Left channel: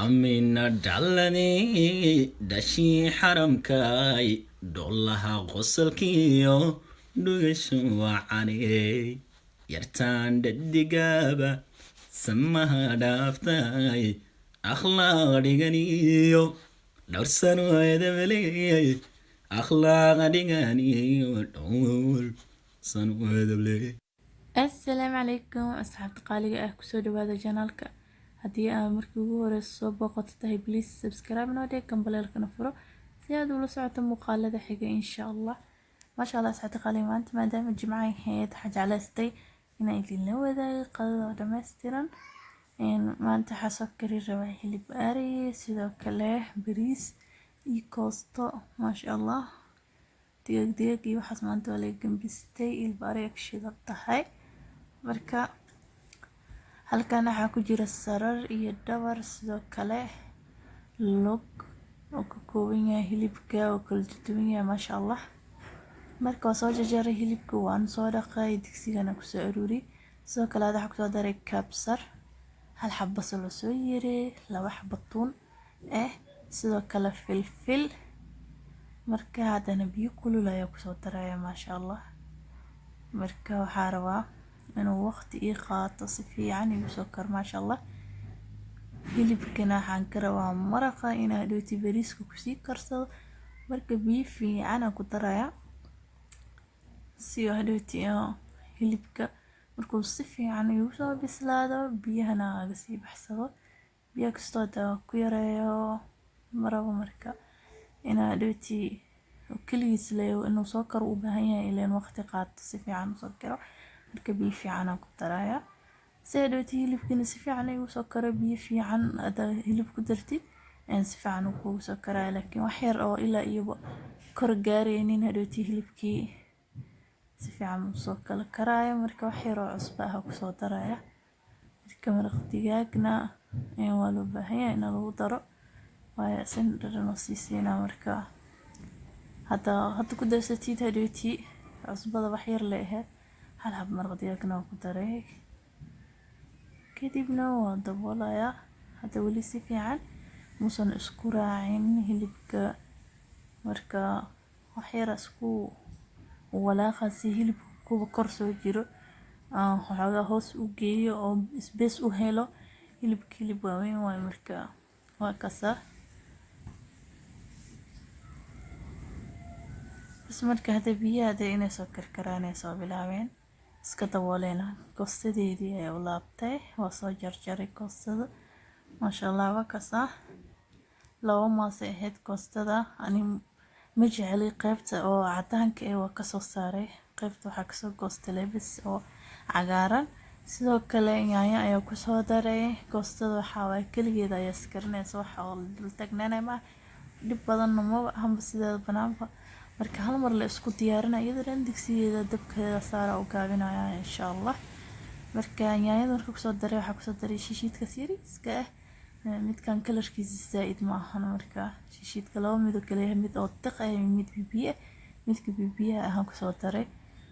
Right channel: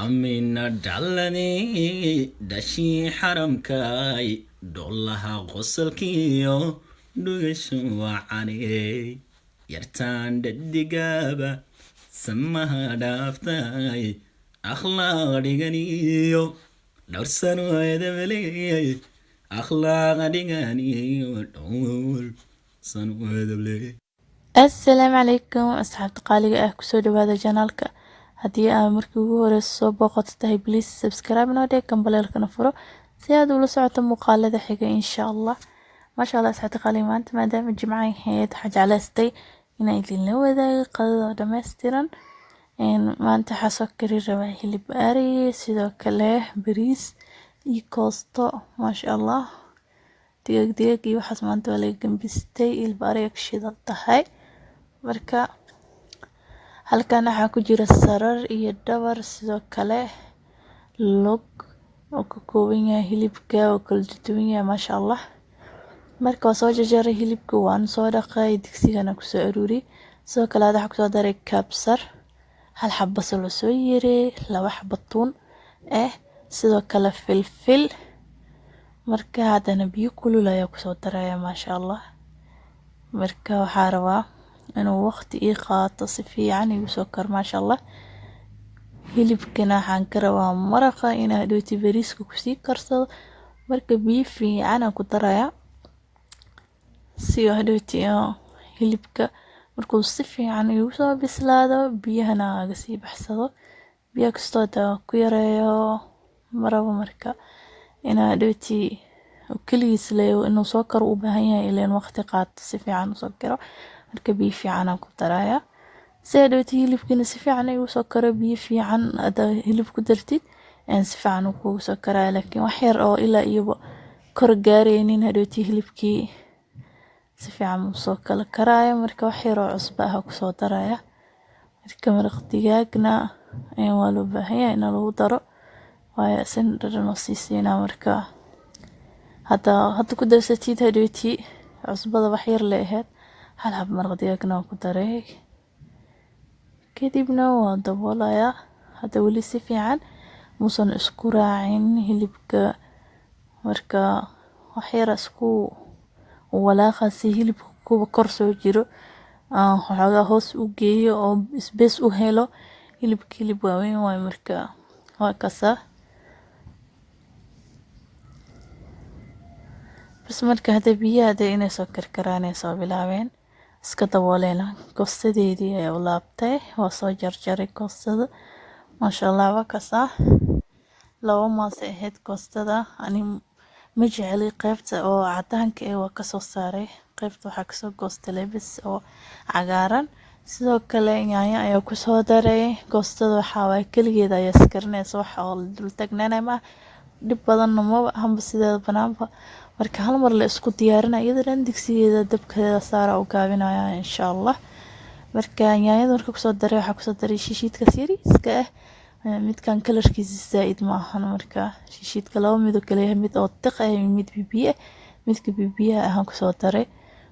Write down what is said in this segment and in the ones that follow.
عمنا دلني دشي حرمكاي دولها غسلكيو دوغشو وعني يرتان ددقابة سمها دافتاي أخلاق ديغانيو دورسانو هيدبلي أخلاق ديغانيو دور سانو هيدبلي. السلام عليكم أصحابتي qaaliga ah kusoo dhawaada janaalka haddii aad markii ugu horeyso soo booqato tahay please subscribe noo dhig gambaleelkana furo si aad ula socoto muuqaalada xiga insha Allah maasha Allah asxaabta qaaliga maanta maadaama jimcaha ahayd waxaan jeclaystay inaan idinla wadaago qadada dhammaystiran maanta waxaa soo kari rabaa hilib ari sidoo kale bariis iyo koosto maasha Allah digaag iyo waxaas maanta waa laga gambistay hilib ari ka shidan tahay marka halkan waxaa ku jira sarar iyo dhabar sidoo kale log oo ka kooban yahay hilibka oo kala duwan yahay maasha Allah marka waa soo jarjaray hilibka waan soo dhaqay digsigana ku soo aruuri sidoo kale waxaa ku soo daray kabsar hal xabba basal oo soo yaray laba xabba tuun sidoo kale filfil marka hadana biyo kulul ayaa ku soo daraya maasha Allah marka waxaa rabaa inuu waqti ii qaato si fiican igu soo kar maasha Allah hilibkana waxaan ka rabaa maraqa inaa dhooti bariiska ku sii karsado marka biyo fiican aan ku daraya si oo dhooti hilibka markuu si fiican igu soo bislaado biyahana aga sii baxsado biyo kastoo ku yareeyo maraba marka inaa dhooti kaligiis leeyo inuu soo karo u baahan yahay ileen waqti qaato si fiican u soo karo marka biyo fiican aan ku daraya si dhooti hilibkina si fiican igu soo karo biyo fiican ada hilib ku dartid si fiican uu kugu soo karaya laakiin wax yar oo ilaa iyo kor gaaraynin dhooti hilibkii si fiican uu soo kala karaya marka wax yar oo cusbo ah ku soo daraya marka maraq digaagna waa loo baahan yahay in lagu daro waayo sin dhadhan oo siina marka hadda ku darsatid dhooti cusbada wax yar leeyahay hal xab maraq digaagna ku daray kadibna waa daboolaya hadda wali si fiican muusan isku raacin hilibka marka wax yar isku walaaqasi hilibka kuba kor soo jiro waxoogaa hoos u geeyo oo space u helo hilib waaweyn waay marka waa kasa bas marka hadda biyaha inay soo karkaraan ay soo bilaabeen iska dabooleena koostadeedii ayaa u laabtay waa soo jarjaray koostada maasha Allah waa kasa laba maas ahayd koostada ani ma jeceli qaybta oo cadaanka waa ka soo saaray qaybta waxaa ka soo goostay lebis oo cagaaran sidoo kale yaanyo ayaa ku soo daray koostada waxa way kaligeeda ayaa iskarinaysa wax oo dul tagnanay ma dib badan ma hamba sideeda banaanba marka hal mar la isku diyaarinayo iyadana digsigeeda dabkeeda saara u gaabinaya insha Allah marka yaanyada marka ku soo daray waxa ku soo daray shishiidka yariiska midkan kalarkiisa zaid ma ahan marka shishiidka laba mid oo kale mid oo tiq mid bibiye midka bibiye aan ku soo daray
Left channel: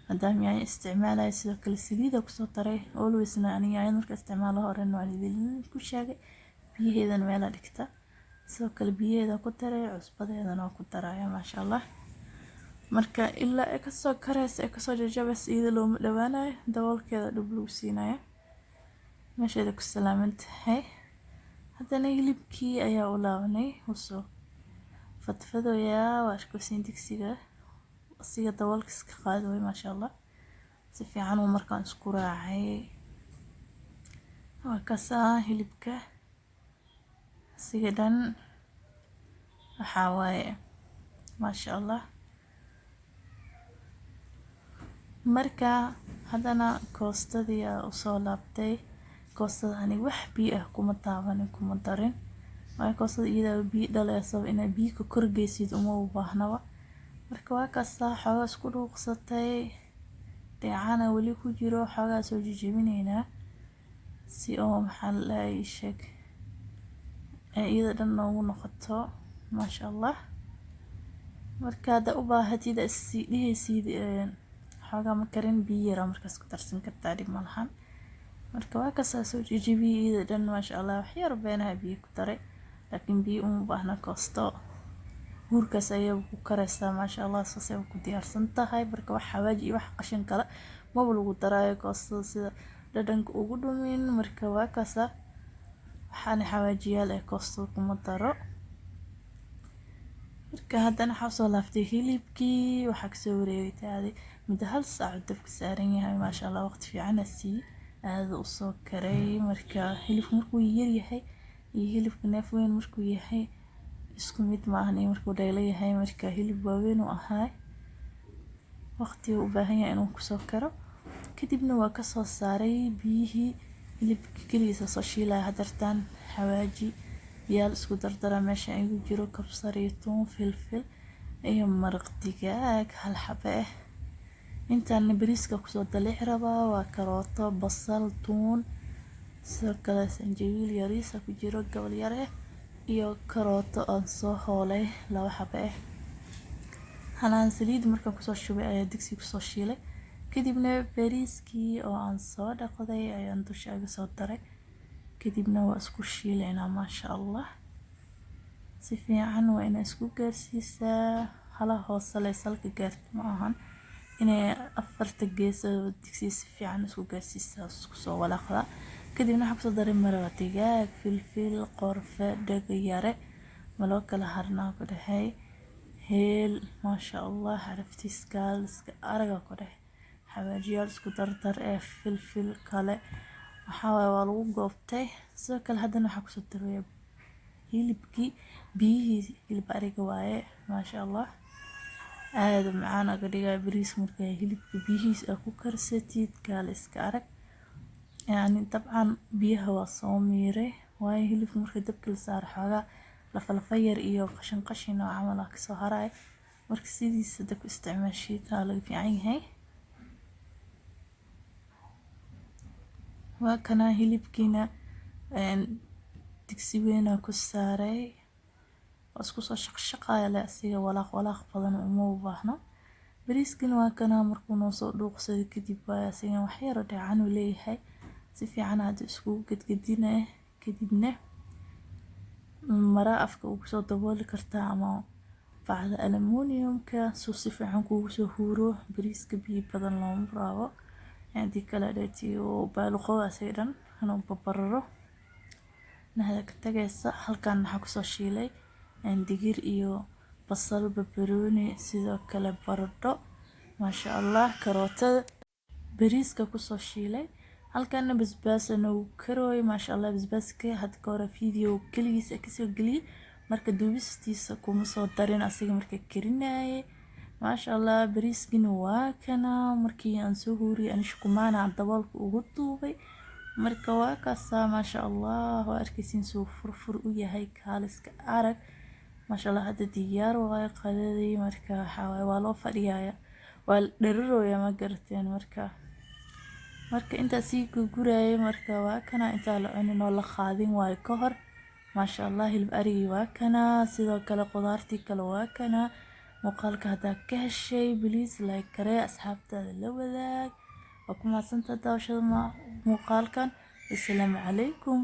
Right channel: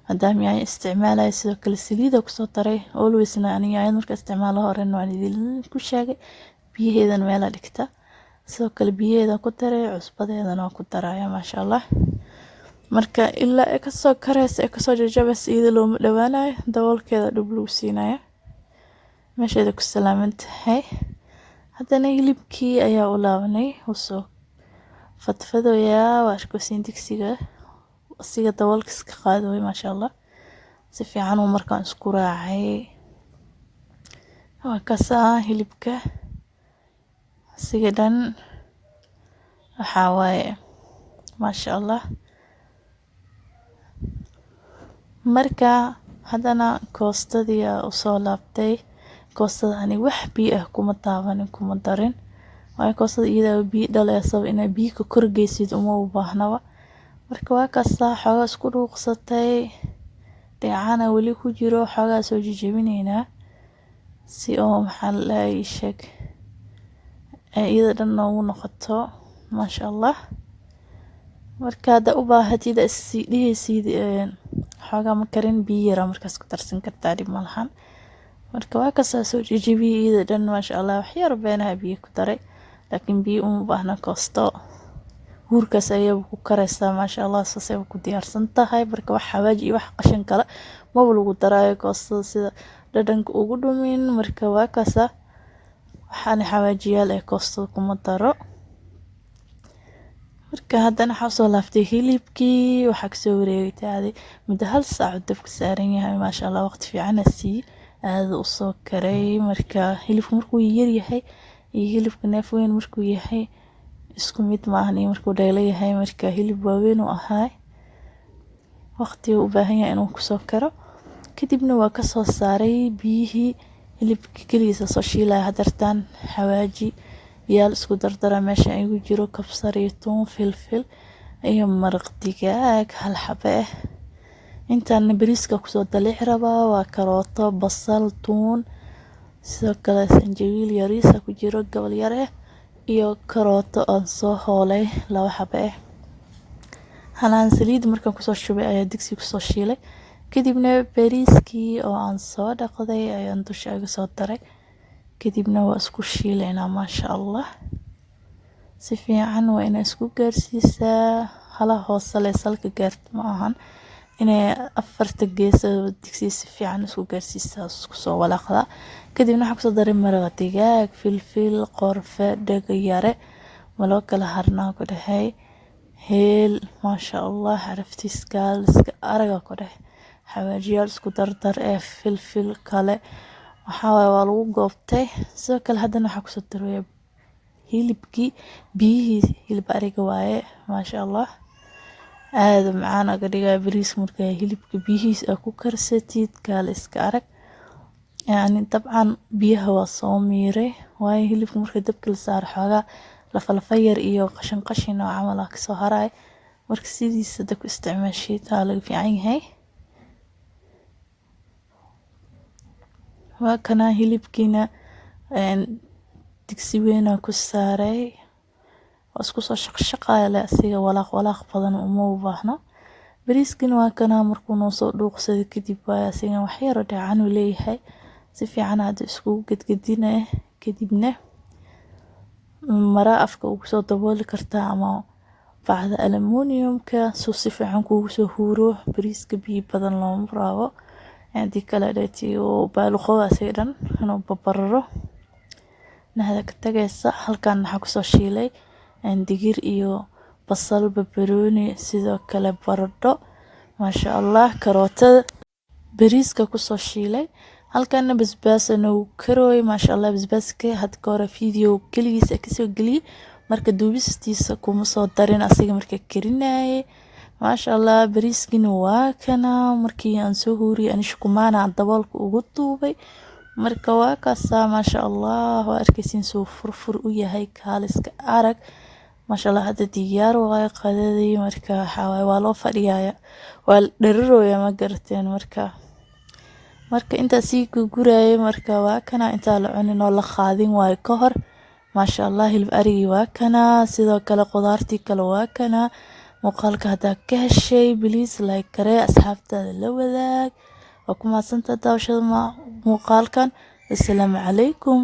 hadaan yaanyo isticmaalay sidoo kale saliid ku soo daray always yaanyo marka isticmaalo horena waan idin ku sheegay biyaheedan meel dhigta sidoo kale biyaheeda ku daray cusbadeedana ku daraya maasha Allah marka ilaa ka soo karaysa ka soo jajabas iyada loo dhawaanayo daboolkeeda dib loo siinaya meesheeda ku salaamantahay haddana hilibkii ayaa u laabanay usoo fadfadaya waa ku siin digsiga asiga daboolka iska qaaday maasha Allah si fiican uu markaan isku raacay waa kasa hilibka asiga dhan waxa waaye maasha Allah marka hadana koostadii u soo laabtay koostada ani wax biyo ah kuma taaban kuma darin way koostada iyada biyo dhalayso inay biyo ka korgeysid uma u baahnaba marka waa kasta xogaa isku dhuuqsatay deecana wali ku jiro xogaa soo jijibinayna si oo maxaa la sheeg iyada dhan ugu noqoto maasha Allah marka hada u baahatid isdhihaysid xogaa ma karin biyo yar markaas ku darsan kartaa dib malahan marka waa ka soo jijibiyay dhan maasha Allah wax yar beenaha biyo ku daray laakiin biyo uma baahna koosto. Huurkaas ayay ku karaysaa maasha Allah saasay ku diyaarsan tahay. Marka wax xawaaji iyo wax qashin kale ma lagu daraayo koostada sida dhadhanka ugu dhumin. Marka waa kaasa waxaan xawaajiyaal ee koostada kuma daro. marka haddana waxaa soo laaftay hilibkii waxaa kasoo wareegtay muddo 1 saac dabka saaran yahay maasha Allah waqti fiican sii aad u soo karay. marka hilibku markuu yar yahay iyo hilibka neef weyn markuu yahay isku mid maahan markuu dheelo yahay. marka hilib waaweyn oo ahaa waqti u baahan yahay inuu ku soo karo. kadibna waa ka soo saaray biyihii hilibka kaliisa soo shiilay hadartan xawaaji yaal isku dardara meesha ay ugu jiro kabsar iyo toon filfil iyo maraq digaag 1 xabo ah. intaan bariiska ku soo dalic rabaa waa karooto basal toon sidoo kale sanjabiil yariis ku jiro gobol yar ah iyo karooto aan soo hoolay 2 xabo ah. halaan saliid markaan ku soo shubay ayaa digsi ku soo shiilay. kadibna bariiskii oo aan soo dhaqday ayaan dusha uga soo daray. kadibna waa isku shiilayna maasha Allah si fiican waa in isku gaarsiisaa hala hoose leh salka gaarto ma ahan inay 4 gees digsi si fiican isku gaarsiisaa isku soo walaaqda. kadibna waxa ku soo daray maraq digaag filfil qorfe dhaga yare maloo kala harnaa ku dhahay heel maasha Allah xaraftiis gaaliska araga ku dhahay xawaajiyaal isku dardar ee filfil kale waxaa waa lagu goobtay. sidoo kale haddana waxa ku soo daray hilibkii biyihii hilib ariga waaye maasha Allah aad macaan aga dhigay bariis marka hilibka biyihiis ku karsatid gaaliska arag yani dabcan biyaha waa soo miiray waaye hilibka marka dabka la saar xoogaa lafa yar iyo qashin oo camal ka soo haray marka sidiisa dabka isticmaashid taa laga fiican yahay. waa kana hilibkiina digsi weyn ku saaray oo isku soo shaqshaqay la asiga walaaq badan uma u baahna. bariiskina waa kana markuu noo soo dhuuqsaday kadib waa asiga wax yar oo dhacan u leeyahay si fiican aad isku gadgadinay. kadibna mara afka ugu soo dabooli kartaa ama bacda aluminumka soo si fiican kugu soo huuro bariiska biyo badan looma rabo عندي كلا داتي وبالغوا سيدان أنا ببرره نهذا كتجس هل كان حكسو شيلي عندي غير إيو بصل ببروني سيدا كلا بردو ما شاء الله كروتا بريسكا كسو شيلي هل كان بسباس أنو كروي ما شاء الله بسباس كي هاد كورا فيديو كليس أكسو قلي مركا دوبستيسا كومسو دارين أسيغ مركا كريناي ما شاء الله bariiskin waa kana markii aan soo huuriyay aan shukumaana daboolka ugu duubay marka waa kaasa ma sha Allah waa arkaysin soo furfur u yahay kaaliska arag ma sha Allah hada diyaar waa qadadii marka waxa waa loo fadhiyaa waa dheerooya ma garteen marka inta sii ku gurayay marka waa kana inta la cunin oo la qaadin way ka hor ma sha Allah hilib arigi waa kana sidoo kale qudaartii kale waa kana muuqaalka hadaa ka heshay please like karee asxaabtaada la wadaag waa ku mahadsantahay daawashada muuqaalkan. assalaamu calaykum.